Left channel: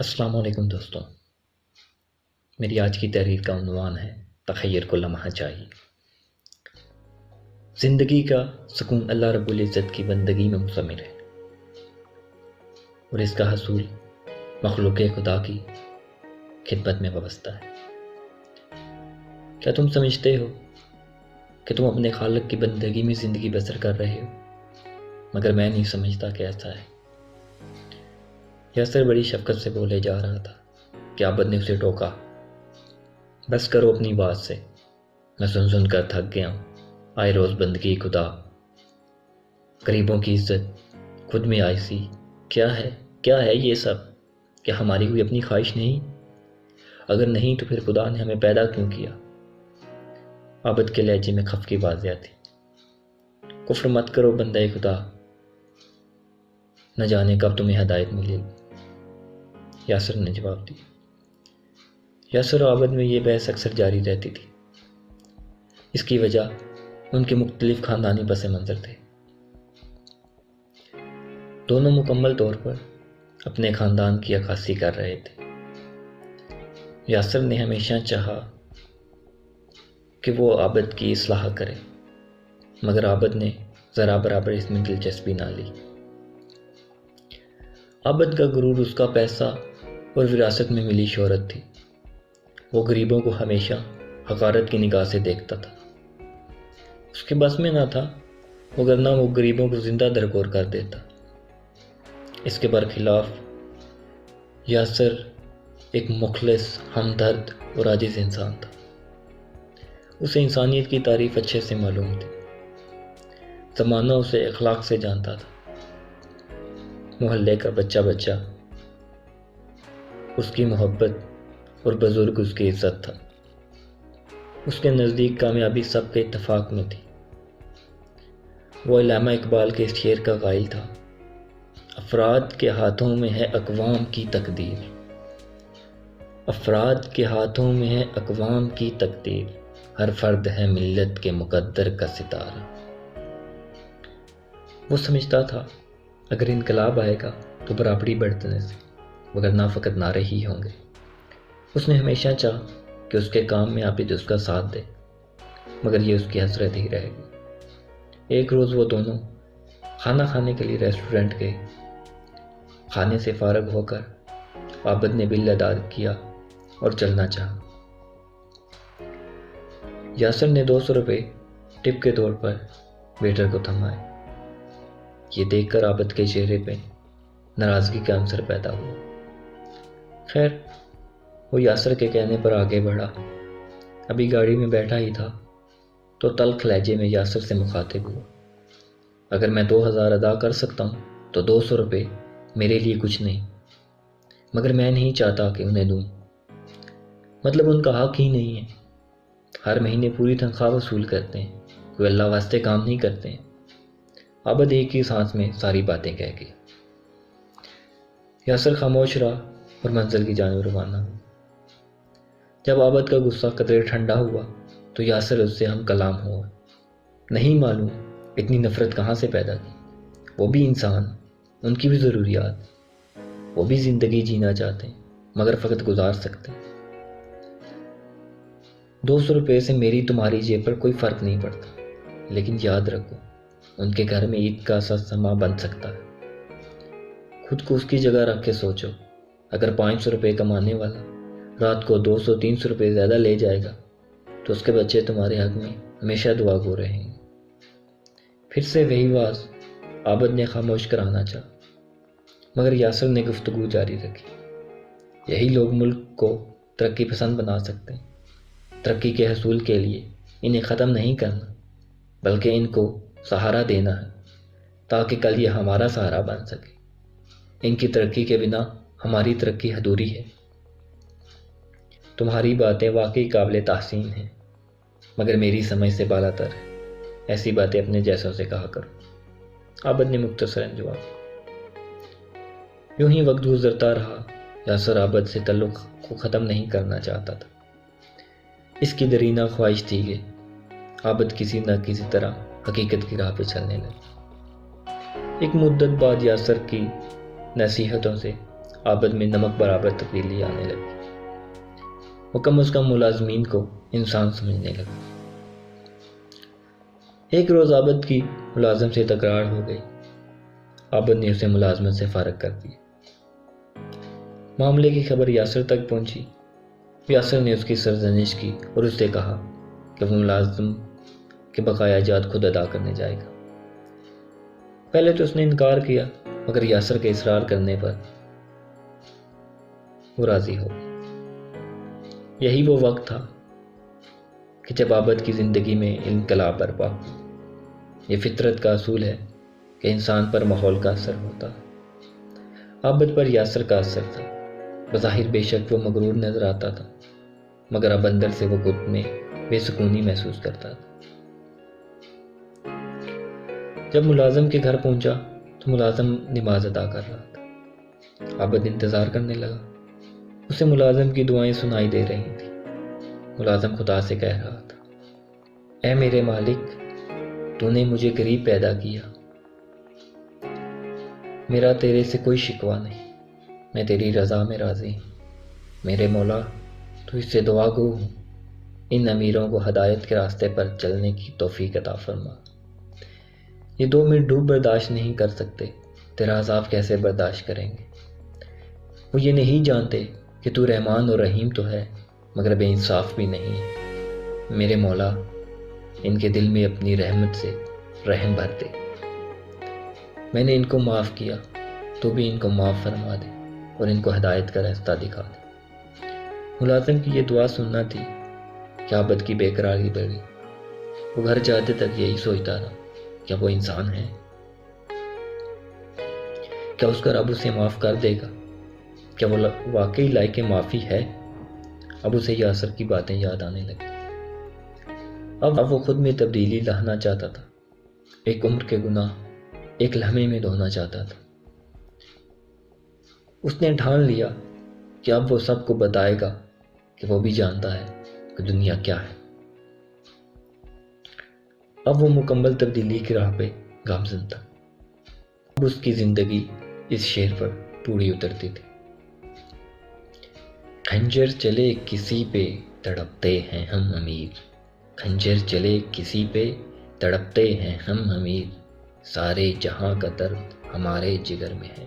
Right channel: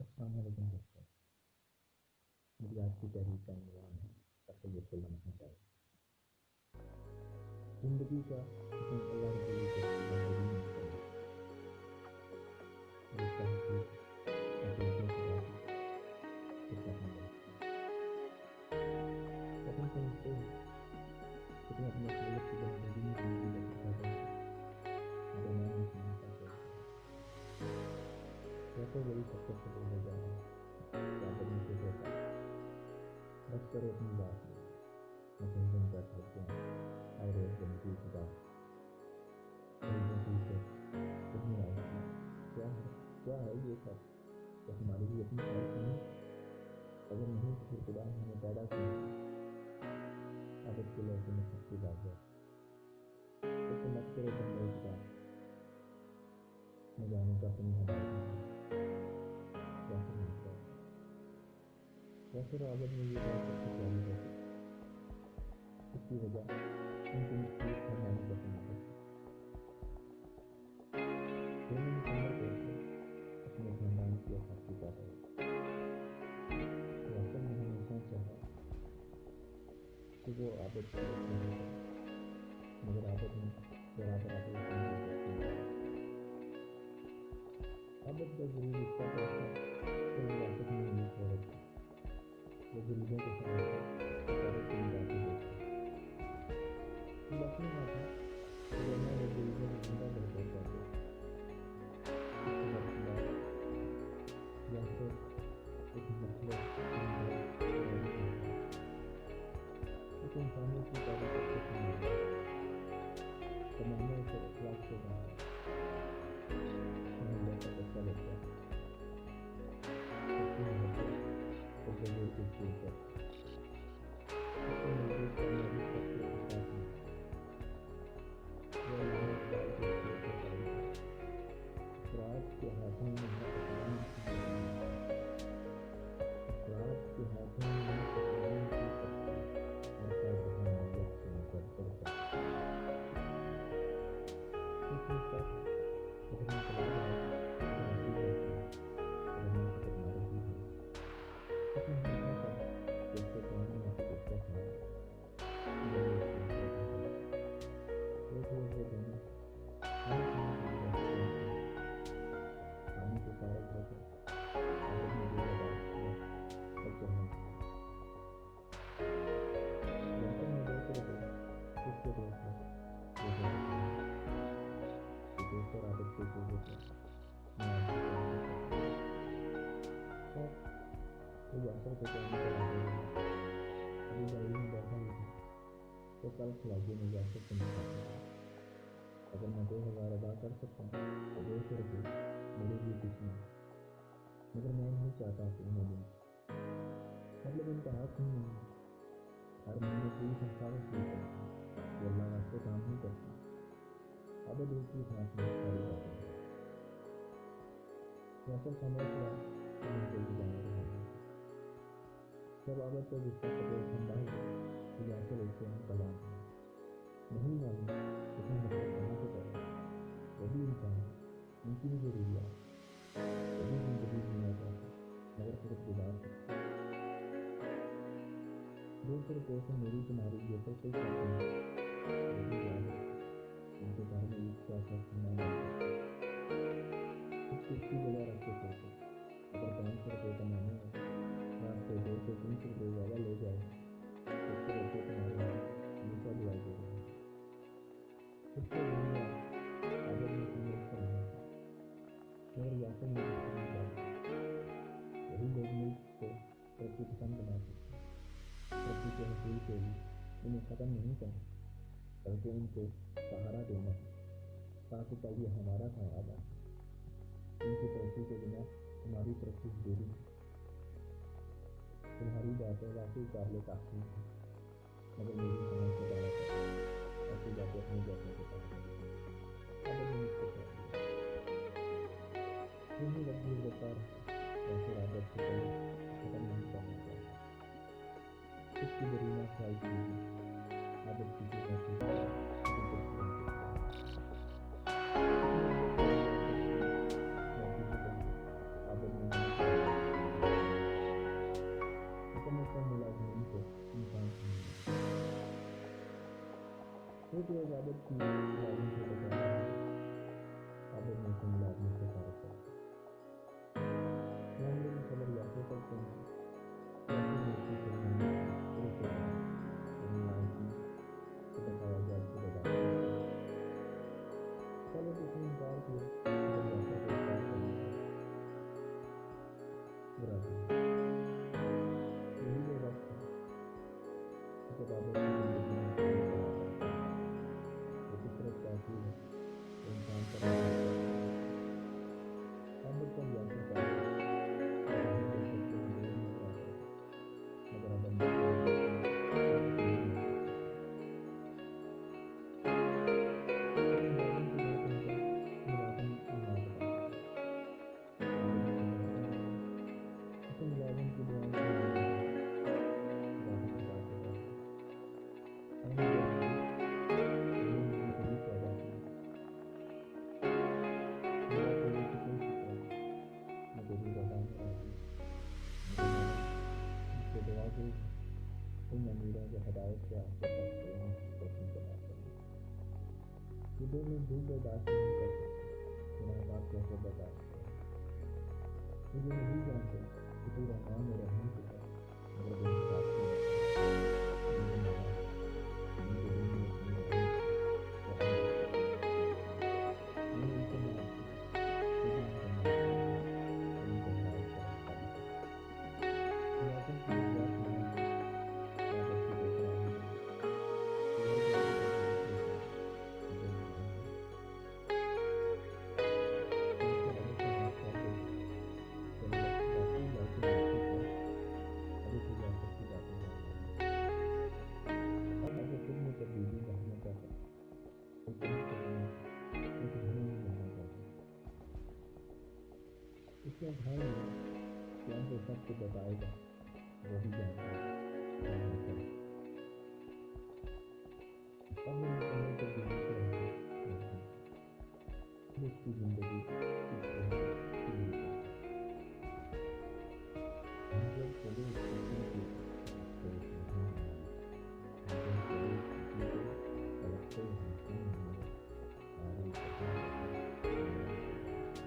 السلام علیکم دوستوں، میری آج کی تحریر کا عنوان ہے تخیر کو لمحہ چاہیے۔ زندگی کا سکون اللہ رب العزت کی بندگی میں مضمر ہے اور اس کا حصول مخلوق خدا کی خدمت میں وابستہ ہے۔ کیا تم سمجھتے ہو کہ تم اپنے خالق کی بندگی میں زندگی بسر کر رہے ہو؟ مگر میں نہیں سمجھتا کہ ایسا ہے۔ یاسر بڑی شفقت سے بولے جا رہا تھا کہ عابد نے اسے ٹوکا، بس کرو اپنی بات سے، میں سن کر تھک گیا ہوں۔ آئے روز بندگی خدا، غریبوں کی عزت، خود میں آئیسی، کیا ہے یہ سب؟ کیا ہماری کوئی اپنی خواہش نہیں؟ اگر نہیں تو پھر خدا نے ہمیں پیدا کیوں کیا؟ عابد کے لہجے میں خف کی بازیاں تھی۔ کفر مت کرو بندہ خدا، نہ جانے کب تمہیں ہدایت ملے۔ یاسر نے جواب دیا۔ یاسر و عابد میں یہ بحث اکثر جاری رہتی تھی۔ اس کی وجہ ان کے مختلف خاندانی پس منظر تھے۔ دونوں مکمل طور پر اپنے خاندان کی عکاسی کر رہے تھے۔ یاسر نے ہمیشہ چاہا کہ وہ عابد کی اصلاح کرے، مگر عابد نے ذرا برابر اس میں دلچسپی نہ لی۔ عابد کا غرور اس کا پیسہ اور وراثت میں ملی شہرت تھی۔ وہ غریبوں کو ہمیشہ حقارت کی نگاہ سے دیکھتا تھا۔ اس کے بس میں نہ تھا، وگرنہ وہ غریبوں کو زندہ درگور کر دیتا۔ اس کے برخلاف یاسر ایک مخلص، ہمدرد اور عاجز انسان تھا۔ اسے انسانیت کی تعریف اچھے سے معلوم تھی۔ زمانہ اسے اخلاق سے جانتا تھا۔ محلے کا بچہ اس کی محبت اور بزرگ اس کی عزت تھا۔ اس کے نزدیک کامیابی سب کے اتفاق میں تھی۔ وہ علامہ اقبال کے اس شعر کا قائل تھا، افراد کے ہاتھوں میں ہے اقوام کی تقدیر، افراد کے ہاتھوں میں ہے اقوام کی تقدیر، ہر فرد ہے ملت کے مقدر کا ستارہ۔ وہ سمجھتا تھا اگر انقلاب آئے گا تو برابری برتنے سے، وگرنہ فقط نعرے ہی ہوں گے۔ اس نے ہمیشہ چاہا کہ اس کے کام میں عابد اس کا ساتھ دے، مگر یہ اس کی حسرت ہی رہے گی۔ ایک روز وہ دونوں کھانا کھانے کے لیے ریسٹورنٹ گئے۔ کھانے سے فارغ ہو کر عابد نے بل ادا کیا اور چلنا چاہا۔ یاسر نے 200 روپے ٹپ کے طور پر ویٹر کو تھمائے۔ یہ دیکھ کر عابد کے چہرے پہ ناراضگی کا عنصر پیدا ہوا۔ خیر، وہ یاسر کے کہنے پر آگے بڑھا۔ ابھی گاڑی میں بیٹھا ہی تھا تو تلخ لہجے میں یاسر سے مخاطب ہوا، اگر میں 2000 ادا کر سکتا ہوں تو 200 روپے میرے لیے کچھ نہیں، مگر میں نہیں چاہتا کہ انہیں دوں۔ مطلب ان کا حق ہی نہیں ہے۔ ہر مہینے پوری تنخواہ وصول کرتے ہیں، کوئی اللہ واسطے کام نہیں کرتے ہیں۔ عابد ایک ہی سانس میں ساری باتیں کہہ گیا۔ یاسر خاموش رہا اور منزل کی جانب روانہ ہوا۔ جب عابد کا غصہ قدرے ٹھنڈا ہوا تو یاسر اس سے ہم کلام ہوا۔ نہیں معلوم اتنی نفرت کہاں سے پیدا کی۔ وہ بھی انسان، ان کی بھی ضروریات، وہ بھی زندگی جینا چاہتے ہیں مگر فقط گزار سکتے ہیں۔ 200 روپے سے میری تمہاری جیب پر کوئی فرق نہیں پڑتا، لیکن یاد رکھو ان کے گھر میں عید کا سا سما بن سکتا ہے۔ خود کو اس کی جگہ رکھ کے سوچو، اگر 500 روپے کمانے والا رات کو 200-300 روپے زیادہ لے جائے گا تو اس کے بچے تمہارے حق میں ہمیشہ دعا گو رہیں گے۔ پھر سے وہی واز عابد نے خاموش کرانا چاہا، مگر یاسر نے گفتگو جاری رکھی۔ یہی لوگ ملک کو ترقی پسند بنا سکتے ہیں۔ ترقی کے حصول کے لیے انہیں ختم نہیں کرنا، بلکہ ان کو سہارا دینا ہے تاکہ کل یہ ہمارا سہارا بن سکے۔ ان کی ترقی کے بنا ہماری ترقی ادھوری ہے۔ تمہاری باتیں واقعی قابل تحسین ہیں، مگر میری سمجھ سے بالا تر ہے۔ ایسی باتیں اپنے جیسوں سے کہا کرو۔ عابد نے مختصراً جواب دیا۔ یوں ہی وقت گزرتا رہا۔ یاسر عابد سے تعلق کو ختم نہیں کرنا چاہتا تھا۔ اس کی درینہ خواہش تھی کہ عابد کسی نہ کسی طرح حقیقت کی راہ پہ چلنے لگا۔ ایک مدت بعد یاسر کی نصیحتوں سے عابد میں نمک برابر تبدیلی آنے لگی۔ وہ کم از کم ملازمین کو انسان سمجھنے لگا۔ ایک روز عابد کی ملازم سے تکرار ہو گئی۔ عابد نے اسے ملازمت سے فارغ کر دیا۔ معاملے کی خبر یاسر تک پہنچی۔ یاسر نے اس کی سرزنش کی اور اس سے کہا کہ وہ ملازم کے بقایا جات خود ادا کرنے جائے گا۔ پہلے تو اس نے انکار کیا، مگر یاسر کے اصرار کرنے پر وہ راضی ہو گئی۔ یہی وہ وقت تھا کہ جب عابد کی زندگی میں انقلاب برپا ہوا۔ یہ فطرت کا اصول ہے کہ انسان پر ماحول کا اثر ہوتا ہے۔ عابد پر یاسر کا اثر تھا۔ بظاہر بے شک وہ مغرور نظر آتا تھا، مگر اب اندر سے وہ خود میں بے سکونی محسوس کرتا تھا۔ جب ملازم کے گھر پہنچا تو ملازم نماز ادا کر رہا تھا۔ عابد انتظار کرنے لگا۔ اسے ملازم کی دعائیں سنائی دے رہی تھیں۔ ملازم خدا سے کہہ رہا تھا، اے میرے مالک، تو نے مجھے غریب پیدا کیا۔ میرا تیرے سے کوئی شکوہ نہیں، میں تیری رضا میں راضی ہوں۔ میرے مولا، تو اس سے دعا گو ہوں، ان امیروں کو ہدایت کے راستے پر چلنے کی توفیق عطا فرما۔ یہ 2 منٹ ڈوب برداشت نہیں کر سکتے، تیرا عذاب کیسے برداشت کریں گے؟ وہ یہ نہیں جانتے کہ تو رحمان اور رحیم تو ہے، مگر بے انصاف بھی نہیں ہے۔ میرے مولا، ان کے دل میں اپنی رحمت سے رحم بھر دے۔ میں نے ان کو معاف کیا، تو بھی ان کو معاف فرما دے اور ان کو ہدایت کا راستہ دکھا دے۔ ملازم کی یہ دعا سننا تھی کہ عابد کی بے قراری بڑھی۔ وہ گھر جاتے تک یہی سوچتا رہا، کیا وہ انسان ہے؟ کیا اس کا رب اسے معاف کر دے گا؟ کیا وہ واقعی لائق معافی ہے؟ اب اسے یاسر کی باتیں یاد آنے لگی۔ اب وہ خود میں تبدیلی لانا چاہتا تھا۔ ایک عمر کے گناہ ایک لمحے میں دھونا چاہتا تھا۔ اس نے ٹھان لیا کہ اب وہ سب کو بتائے گا کہ وہ بھی جانتا ہے کہ دنیا کیا ہے۔ اب وہ مکمل تبدیلی کی راہ پہ گامزن تھا۔ اب اس کی زندگی اس شعر پر پوری اترتی تھی۔ خنجر چلے کسی پہ تڑپتے ہیں ہم امیر، خنجر چلے کسی پہ تڑپتے ہیں ہم امیر، سارے جہاں کا درد ہمارے جگر میں ہے۔